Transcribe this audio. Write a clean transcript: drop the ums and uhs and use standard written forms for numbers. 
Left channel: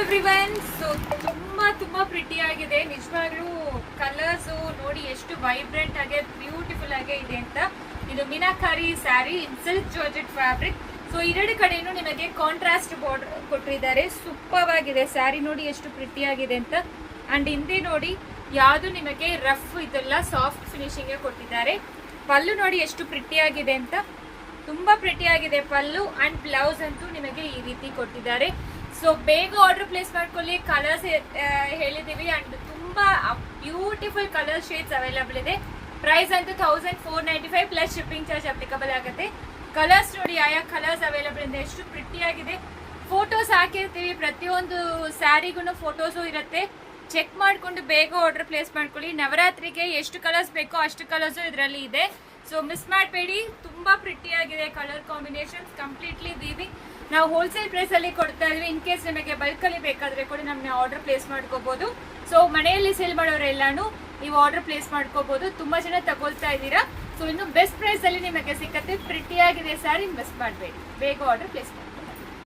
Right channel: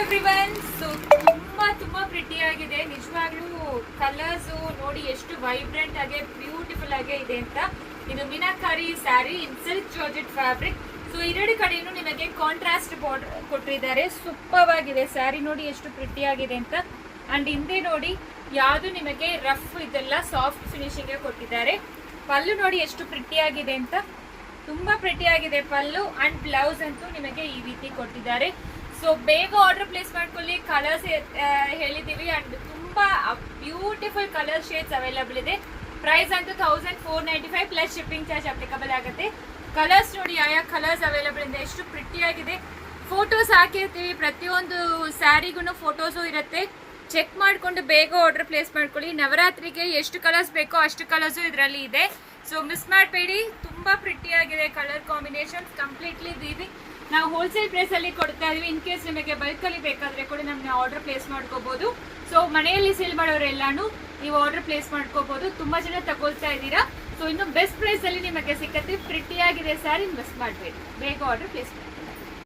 Everyone. So ತುಂಬಾ pretty ಆಗಿದೆ ನಿಜವಾಗ್ಲೂ. ಕಲರ್ಸ್ ನೋಡಿ ಎಷ್ಟು ವೈಬ್ರೆಂಟ್ ಆಗಿ ಬ್ಯೂಟಿಫುಲ್ ಆಗಿ ಇದೆ ಅಂತ. ಇದು ಮೀನಾಕಾರಿ ಸ್ಯಾರಿ ಇನ್ ಸಿಲ್ಕ್ ಜಾರ್ಜೆಟ್ ಫ್ಯಾಬ್ರಿಕ್. ಸೊ ಎರಡು ಕಡೆನೂ ನಿಮಗೆ ಕಾಂಟ್ರಾಸ್ಟ್ ಬಾರ್ಡರ್ ಕೊಟ್ಟಿದ್ದಾರೆ. ಸೂಪರ್ ಆಗಿದೆ ಸ್ಯಾರಿ ನೋಡಿ ಎಷ್ಟು ಪ್ರಿಟಿ ಆಗಿದೆ ಅಂತ. ಅಂಡ್ ಹಿಂದೆ ನೋಡಿ ಯಾವುದು ನಿಮಗೆ ರಫ್ ಇದೆಲ್ಲ ಸಾಫ್ಟ್ ಫಿನಿಶಿಂಗ್ ಕೊಟ್ಟಿದ್ದಾರೆ. ಪಲ್ಲು ನೋಡಿ ಎಷ್ಟು ಪ್ರಿಟಿ ಆಗಿದೆ ಅಂತ. ತುಂಬಾ ಪ್ರಿಟಿ ಆಗಿದೆ ಪಲ್ಲು. ಅಂಡ್ ಬ್ಲೌಸ್ ಅಂತೂ ನಿಮಗೆ ಈ ರೀತಿ ಕೊಟ್ಟಿದ್ದಾರೆ. ಸೊ ಬೇಗ ಆರ್ಡರ್ ಪ್ಲೇಸ್ ಮಾಡ್ಕೊಳ್ಳಿ. ಕಲರ್ಸ್ ಹೇಳಿದೀವಿ ಅಂಡ್ ತುಂಬಾ ಬ್ಯೂಟಿಫುಲ್ ಕಲರ್ ಶೇಡ್ಸ್ ಅವೈಲಬಲ್ ಇದೆ. ಪ್ರೈಸ್ ಅಂತೂ 1495 ಪ್ಲಸ್ ಶಿಪ್ಪಿಂಗ್ ಚಾರ್ಜ್ ಅಪ್ಲಿಕಬಲ್ ಆಗುತ್ತೆ. ಕಲರ್ಸ್ ನೋಡಿ ಯಾವ ಕಲರ್ಸ್ ಅವೈಲಬಲ್ ಇದೆ, ಎಷ್ಟು ಪ್ರಿಟಿ ಆಗಿದೆ. ಫೋಟೋಸ್ ಹಾಕಿರ್ತೀವಿ, ಪ್ರತಿಯೊಂದು ಸ್ಯಾರಿಗೂ ಫೋಟೋಸು ಇರುತ್ತೆ. ಚೆಕ್ ಮಾಡಿಕೊಂಡು ಬೇಗ ಆರ್ಡರ್ ಪ್ಲೇಸ್ ಮಾಡ್ಕೊಳ್ಳಿ. ನವರಾತ್ರಿಗೆ ಎಷ್ಟು ಕಲರ್ಸ್ ಬೇಕೋ ಅಷ್ಟು ಕಲರ್ಸು ಇದರಲ್ಲಿ ಇದೆ. ಸೊ ಮಿಸ್ ಮಾಡಬೇಡಿ. ತುಂಬಾ ಪ್ರಿಟಿ ಆಗಿದೆ ಕಲರ್ ಕಾಂಬಿನೇಷನ್. ಕಂಪ್ಲೀಟ್ಲಿ ದೀವಿ ನಾವು ಹೋಲ್ಸೇಲ್ ಪ್ರೈಸ್ ಅಲ್ಲಿ ಕೊಡ್ತಾ ಇದೀವಿ. ಇನ್ ಕೇಸ್ ನಿಮಗೆ ಬಲ್ಕ್ ಅಲ್ಲಿ ಬೇಕಾದ್ರೆ ಕೂಡ ನಮ್ಮನ್ನ ಆರ್ಡರ್ ಪ್ಲೇಸ್ ಮಾಡ್ಕೋಬಹುದು. ಸೊ ಮನೆಯಲ್ಲಿ ಸೇಲ್ ಮಾಡೋರೆಲ್ಲಾನು ನೀವು ಆರ್ಡರ್ ಪ್ಲೇಸ್ ಮಾಡ್ಕೋಬಹುದು. ತುಂಬಾ ಜನ ತಗೊಳ್ತಾ ಇದ್ದೀರಾ. ಸೊ ಇನ್ನು ಬೆಸ್ಟ್ ಪ್ರೈಸ್ ಅಲ್ಲಿ ನಿಮಗೆ ಸಿಕ್ಕತ್ತೆ. ಪ್ರಿಟಿ ಆಗಿದೆ ಸ್ಯಾರಿ, ಮಿಸ್ ಮಾಡಬೇಡಿ. ಬೇಗ ಆರ್ಡರ್ ಪ್ಲೇಸ್ ಮಾಡಿ.